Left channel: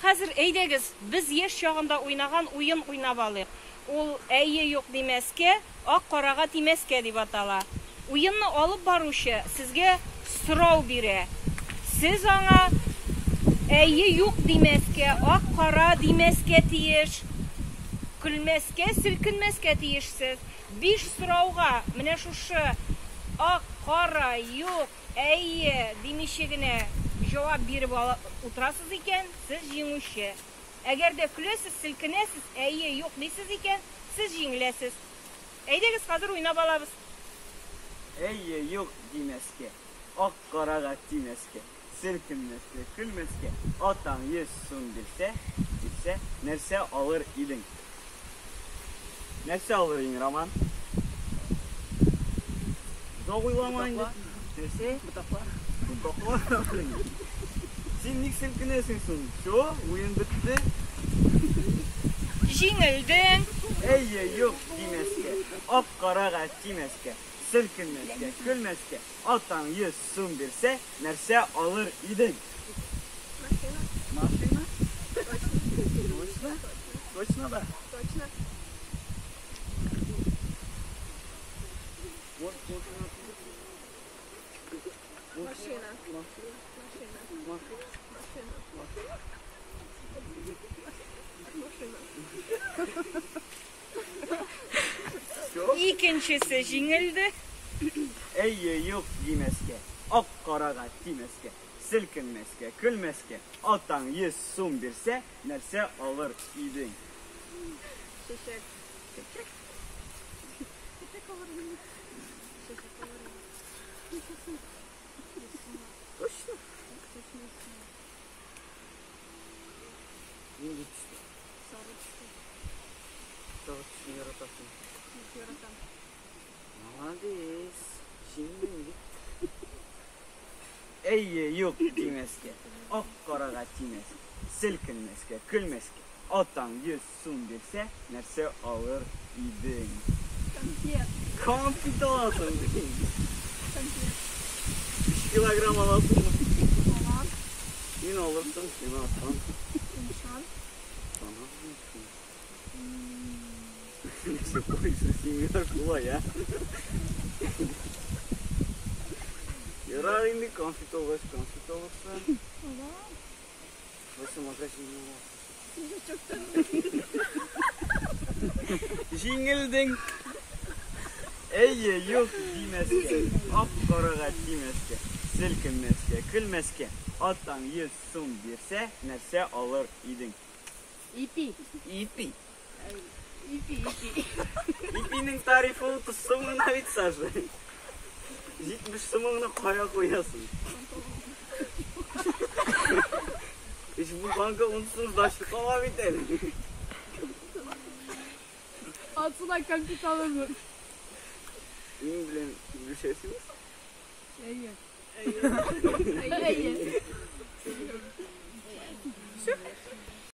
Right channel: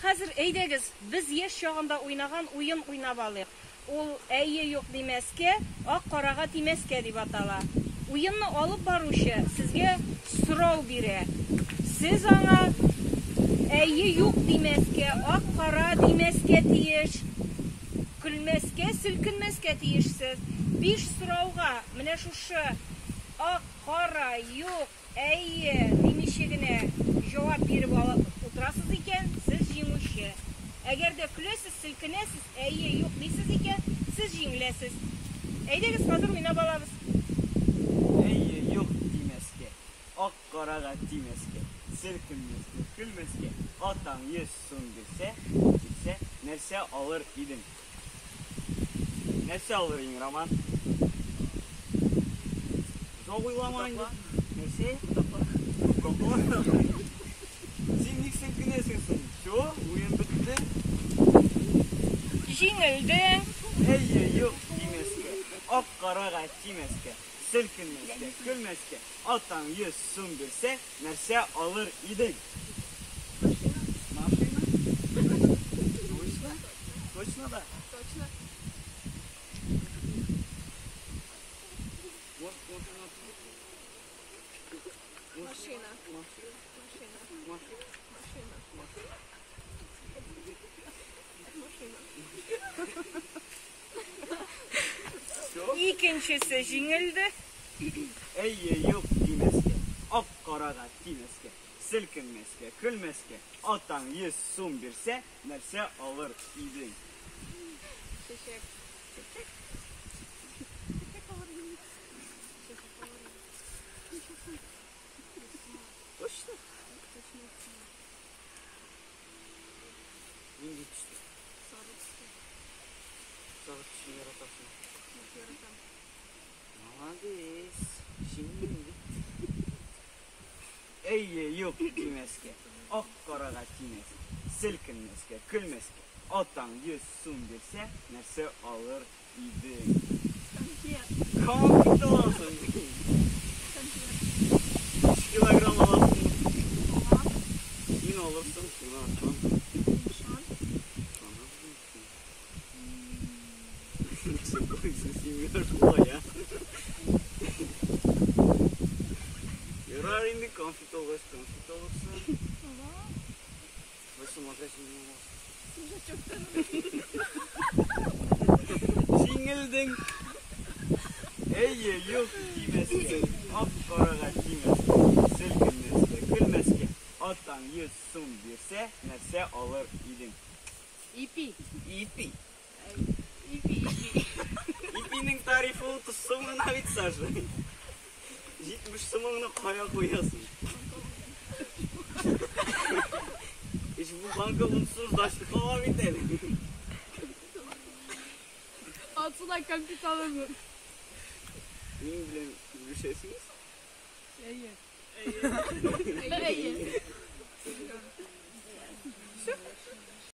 Хәзер әйдәгез, без яшь чагында уйнаган уен уйнап алыйк. Ул әйе юк димәскә, ак карага тимәскә дип атала. Уенны алып баручы сезгә сорау бирә. Сез аңа әйе юк димәскә, ак кара димәскә тиеш, көлмәскә, селкенмәскә тиешсез. 5 сорауга менә шушы ак, кара, юк, әйе димичә генә җавап биреп утырасыз икән, сез җиңүче. Әгәр дә көләсез, селкенәсез, әйе юк дисез икән, сез җиңеләсез. Әйдәгез, хәзер уйнап алабыз. Әйе юк димәскә, ак карага тимәскә, селкенмәскә, көлмәскә, атаң 100 сум бирсә, нәрсә алыр идең? Нәрсә алыр идең, Роман? Зау уйлама инде. Нәрсә? Син ник селкенәсең соң? Шо, уен бетте. Җиңелдең. Әйе юк димәскә, ак карага тимәскә, селкенмәскә, көлмәскә, атаң 100 сум бирсә, нәрсә алыр идең? Машина? Точно да? Точно. Машина. Икенчесе җиңелде. Әйе юк димәскә, ак карага тимәскә, селкенмәскә, көлмәскә, атаң 100 сум бирсә, нәрсә алыр идең? Чәчәк. Точно? Нинди төстә? Сары төстә. Сары төстә яратасың. Яратам. Молодец. Җиңелде. Әйе юк димәскә, ак карага тимәскә, селкенмәскә, көлмәскә, атаң 100 сум бирсә, нәрсә алыр идең? Конфет. Конфет аласың. Конфет. Килограмм аласың. Ага. Мин алырсың, син аласың. Нишан. Нәсе койсың, син шулай, а? Ярар инде конфет алырсың. Ага. Осы магазиннан Чөптән. Җиңелдең. Әйе юк димәскә, ак карага тимәскә, селкенмәскә, көлмәскә, атаң 100 сум бирсә, нәрсә алыр идең? Ипи. Ипи. Ипи. Ипинең тарифы 30 сум гына бит, Саша. 70 сумыңны кая куясың? Bu banka unsuz daşlık ama biter. Atılay konfet alırım. Benim bilen görüşesiniz. İyi. İyi.